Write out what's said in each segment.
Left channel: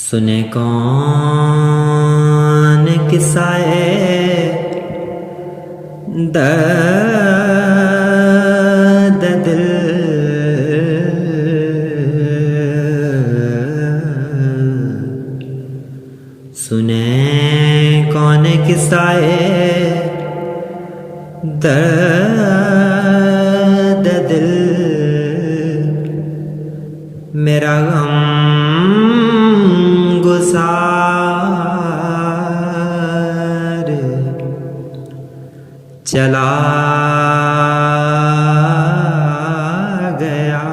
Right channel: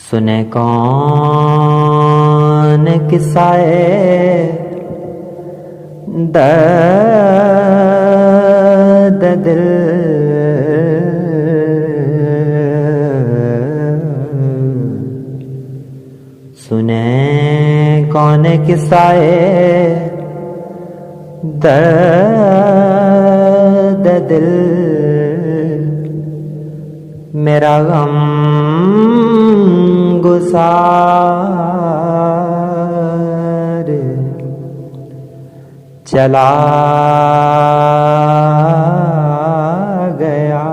सुने कौन किस्साए दर्द दिल, सुने कौन किस्साए दर्द दिल, मेरा गम गुसार चला गया।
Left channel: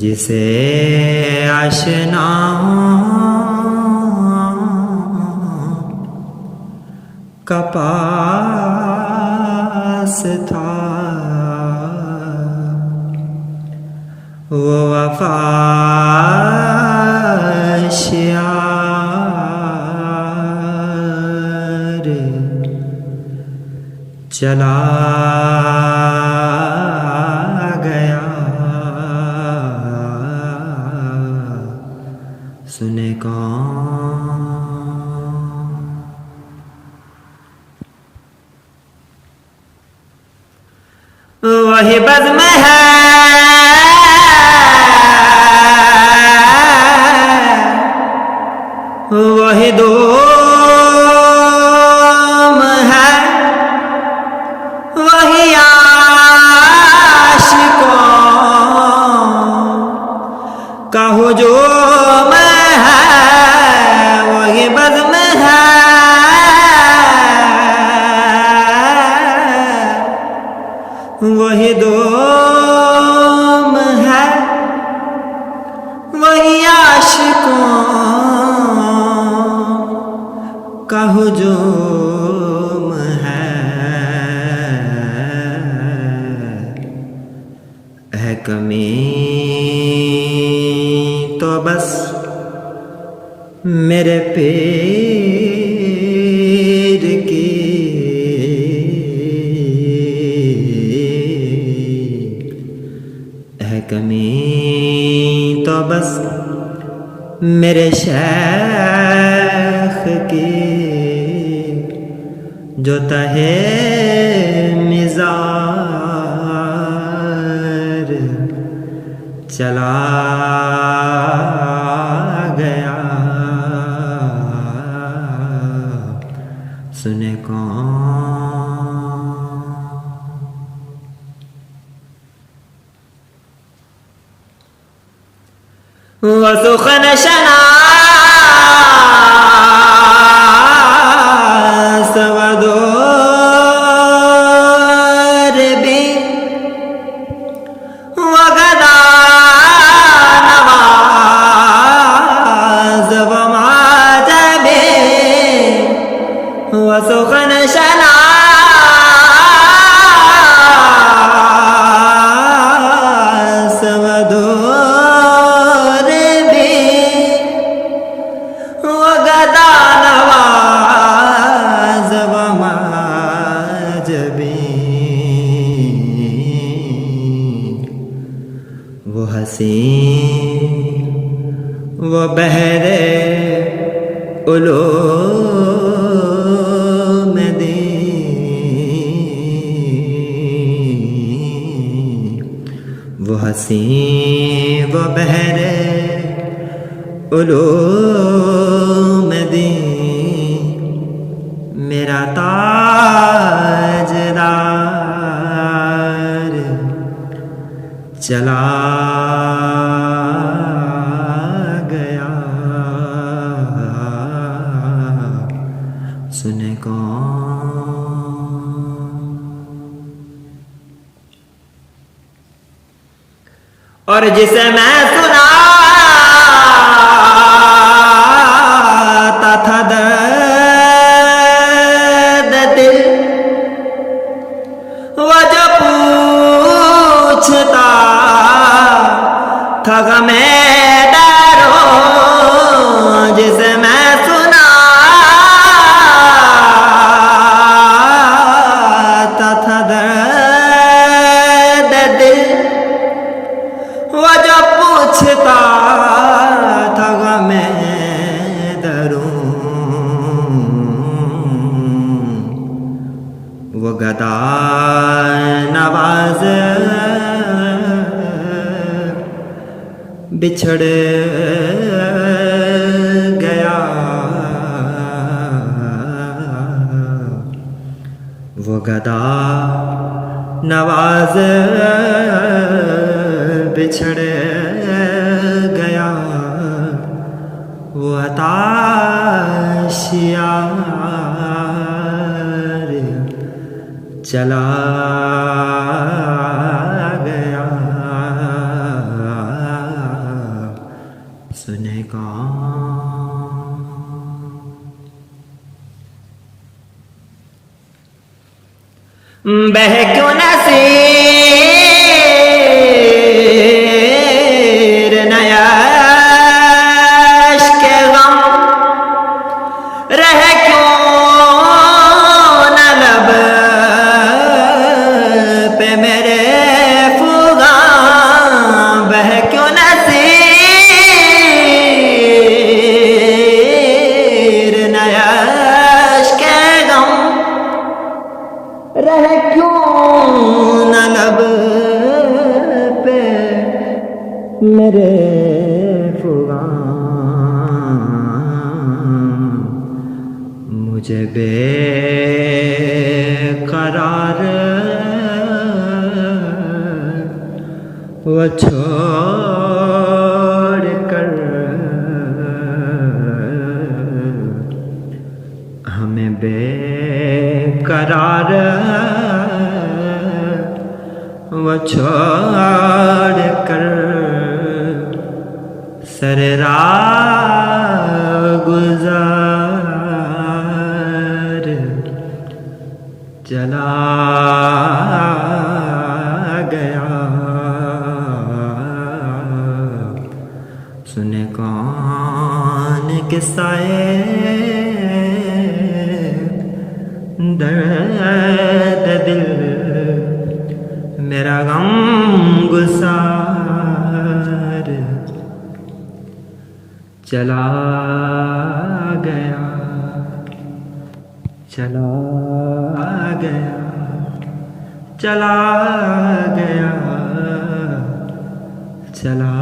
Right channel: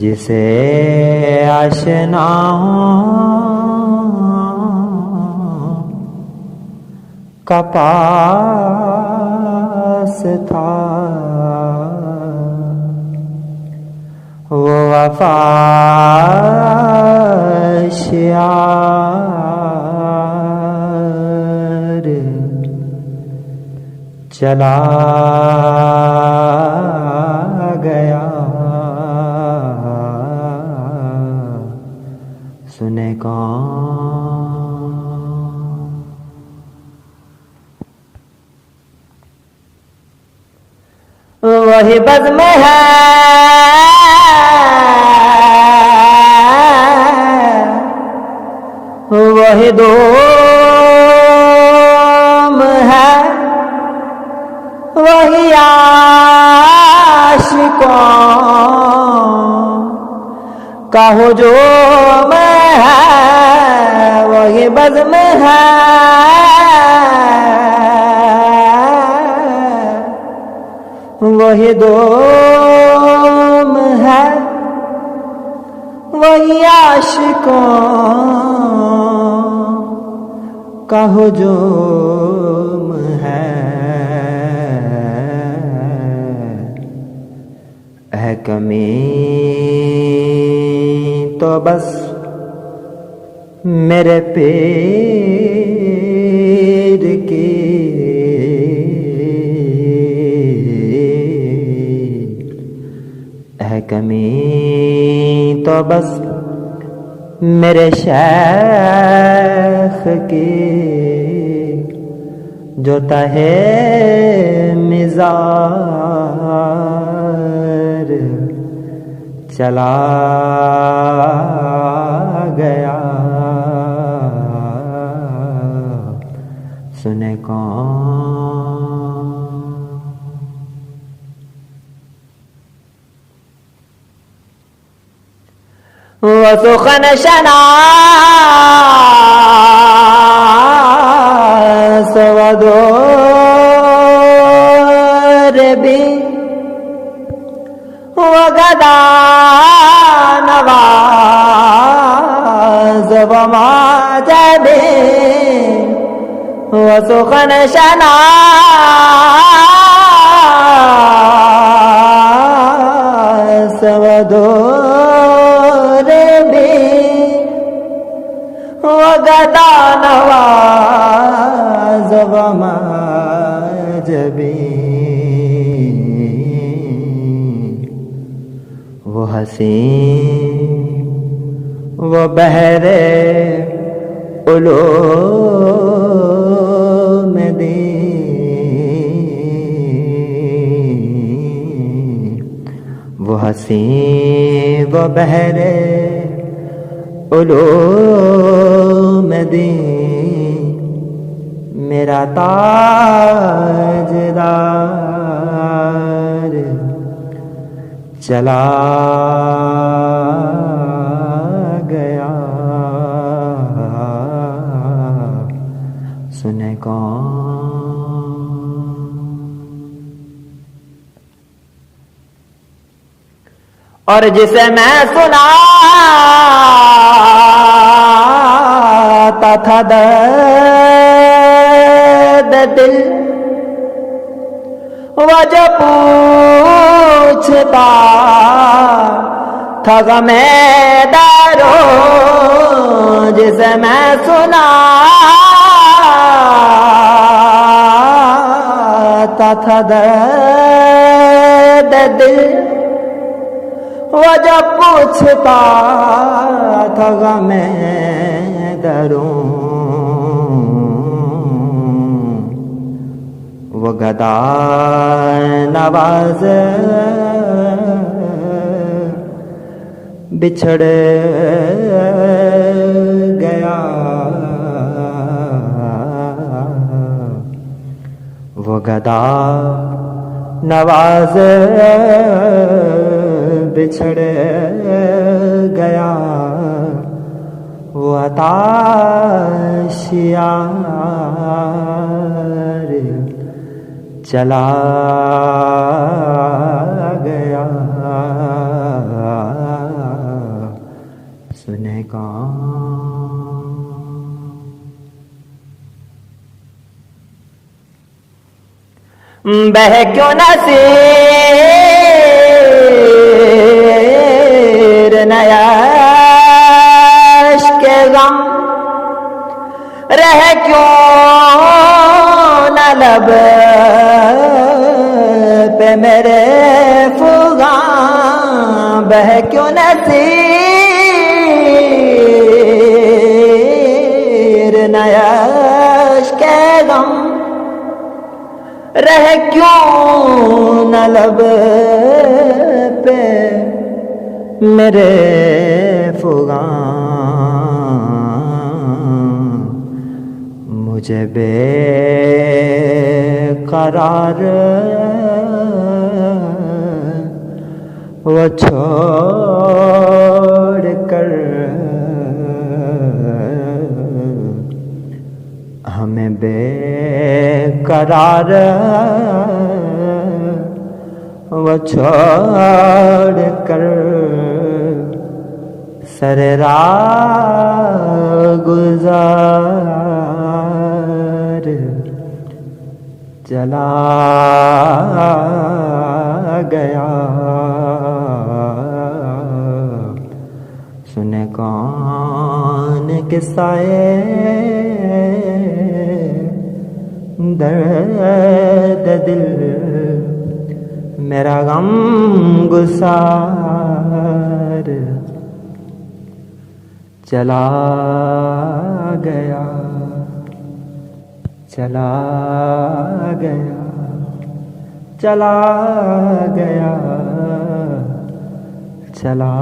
जिसे आशना का पास था, वो वफाशियार चला गया। सुने कौन वही बज़्म है, वही दोम है, वही आशिकों का हुजूम है, वही बज़्म है, वही दोम है, वही आशिकों का हुजूम है। है कमी तो बस मेरे पीर की, है कमी तो बस मेरे शेख की, जो तहे मिज़ार चला गया। सुने कौन वो सुखन शनास वदोर भी, वो गदा नवाज व माजबे, वो सुखन शनास वदोर भी, वो गदा नवाज व माजबे, वो हसीन वो बहरे उलूम दीन, वो हसीन वो बहरे उलूम दीन, मेरा ताजदार चला गया। सुने कौन और जिसे मैं सुनाता था दर्द दिल, वो जो पूछता था गमे डरो, जिसे मैं सुनाता था दर्द दिल, वो जब पूछता था गमे दरूं, वो गदा नवाज बिछड़ गया। वो गदा नवाज बिछड़ गया। वो अताशियार चला गया। सुने कौन बह क्यों न सिर नयाश के गम, रह क्यों न लब पे मेरे फुगा, बह क्यों न सिर नयाश के गम, रह क्यों न लब पे मेरे फुगा। मुझे बेकरार वो छोड़ कर हमें बेकरार वो छोड़ कर सरेराह गुजार चला गया। सुने कौन किस्साए दर्द दिल, मेरा गम गुसार चला गया, चला गया, चला गया, चला